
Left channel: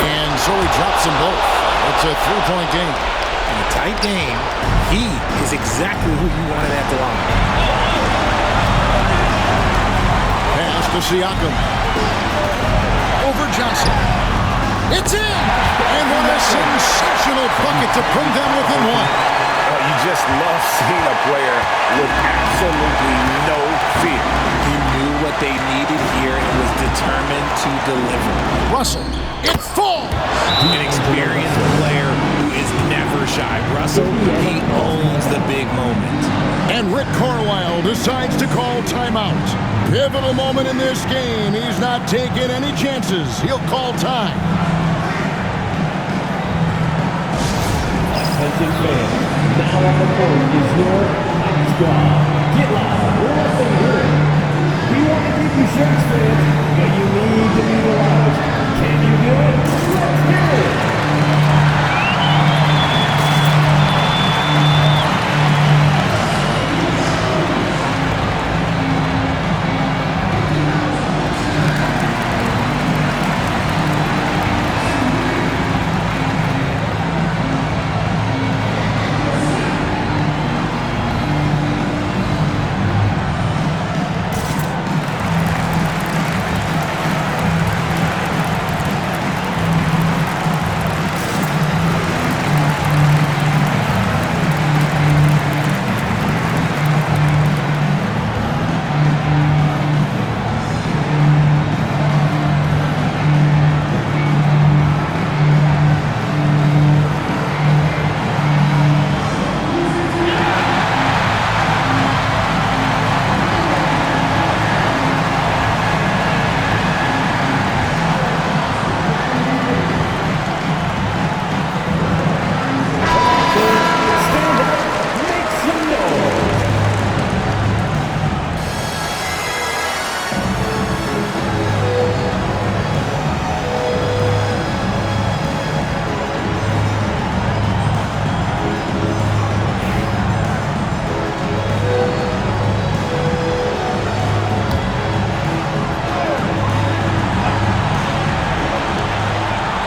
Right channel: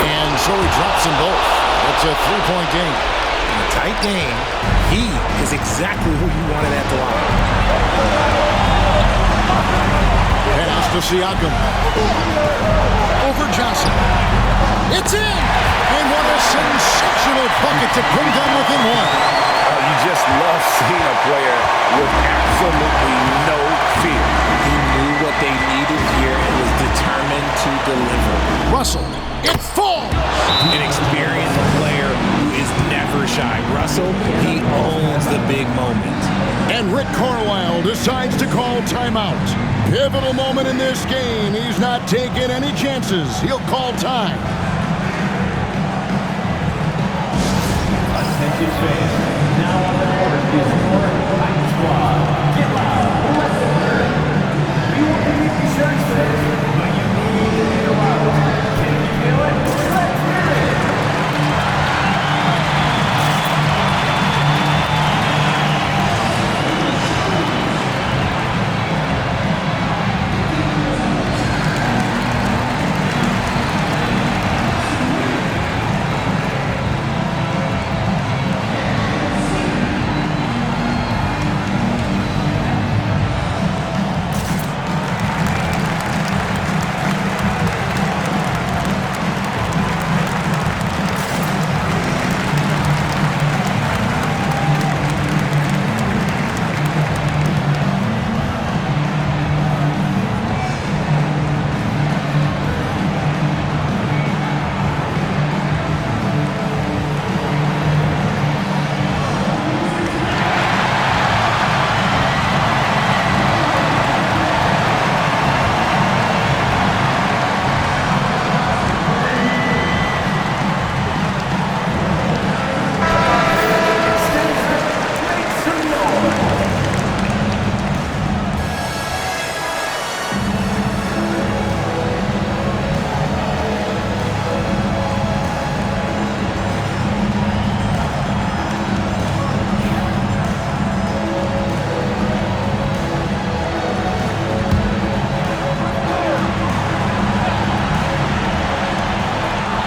And so he drops them both. It's a 3-point game. In a tight game, he is exactly who you wanted at the line. Pass to Siakam. Over Johnson. It's in! And what a sensational bucket to bring them within one. You just love seeing a player with absolutely no fear. He knew what they needed here and was determined to deliver. Russell, it falls! An experienced player who is never shy. Russell, he owns the big moment. And Rick Carlisle decides to call timeout. Pivotal moment in this game. He's not taking any chances. He'll call time. Attention fans, now on the court is your Fight Squad. Get loud, let them hear it. We want to keep you shirts fans, but you need to be loud. Can you do it? Let's hear it.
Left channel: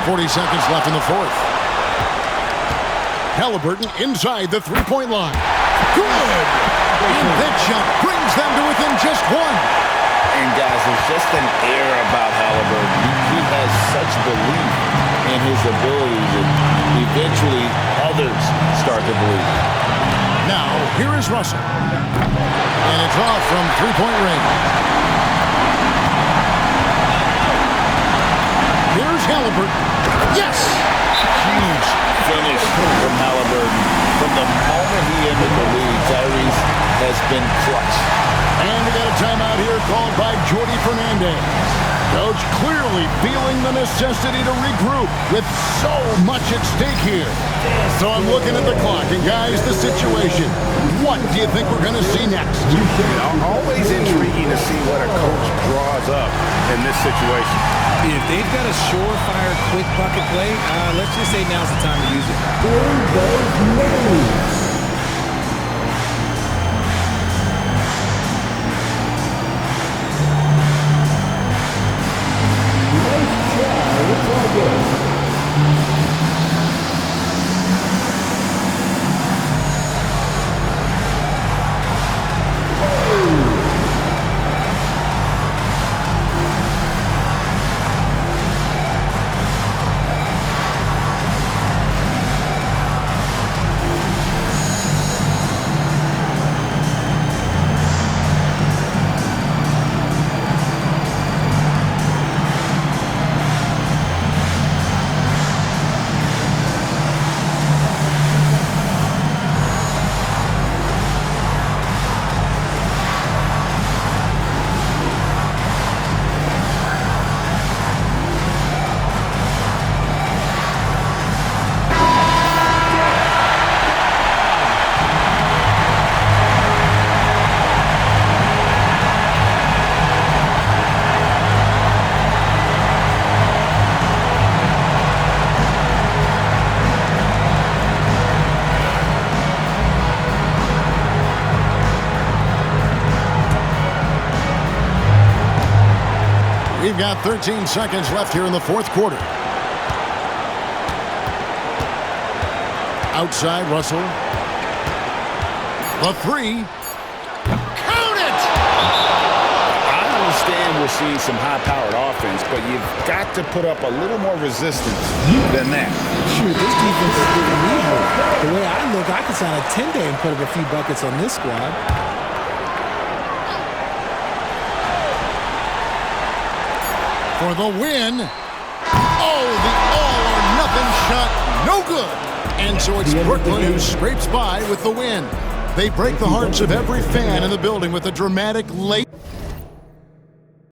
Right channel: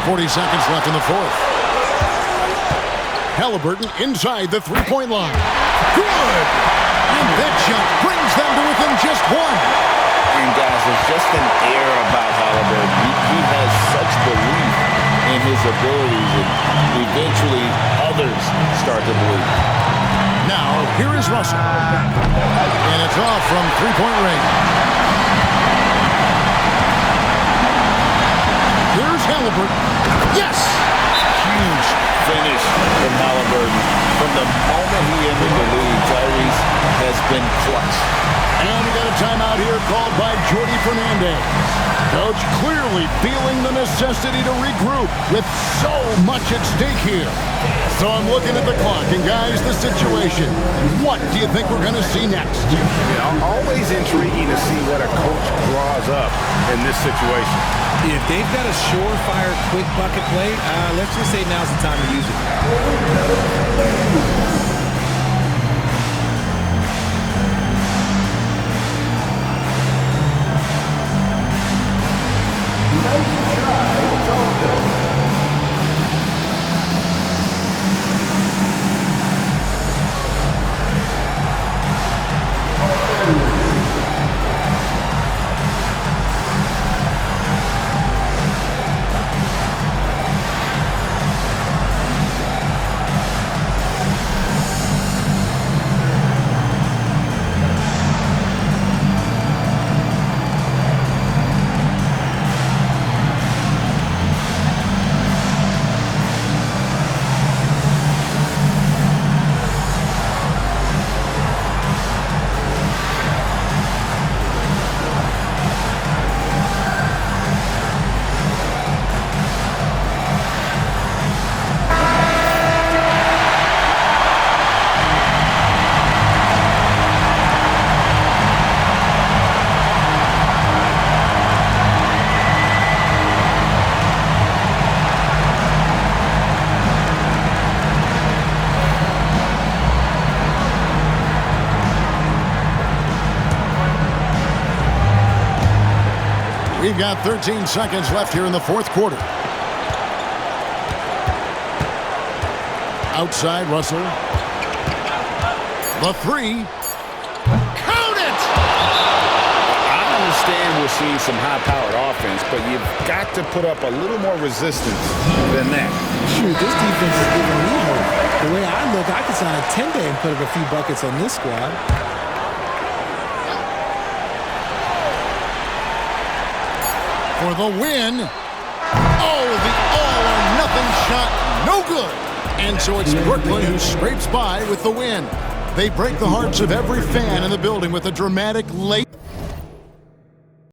.40 seconds left in the fourth. Halliburton inside the three-point line. Good! And that shot brings them to within just one. And guys, there's just an air about Halliburton. He has such belief in his abilities, and eventually others start to believe. Now, here is Russell. And it's off from three-point range. Here's Halliburton. Yes! Huge finish from Halliburton. From the moment he entered the league, Tyrese has been clutch. And we got a timeout here called by Jordi Fernandez. Coach clearly feeling the necessity to regroup with so much at stake here. So I'm looking at the clock, and guys, the situation. What do you think we're going to see next? Always intriguing to see what a coach draws up in this situation. If they've got a surefire quick bucket play, let's just say now's the time to use it. Nice try, it's all good. We've got 13 seconds left here in the fourth quarter. Outside, Russell. The three. Count it! I understand we're seeing some high-powered offense, but you've got to put up a little more resistance than that. Shoot, this defense is giving me hope. The way I look, I could sign a 10-day and put up a few buckets on this squad. For the win. Oh, the all-or-nothing shot. No good. And so it's Brooklyn who scrapes by with the win. They break the hearts of every fan in the building with a dramatic late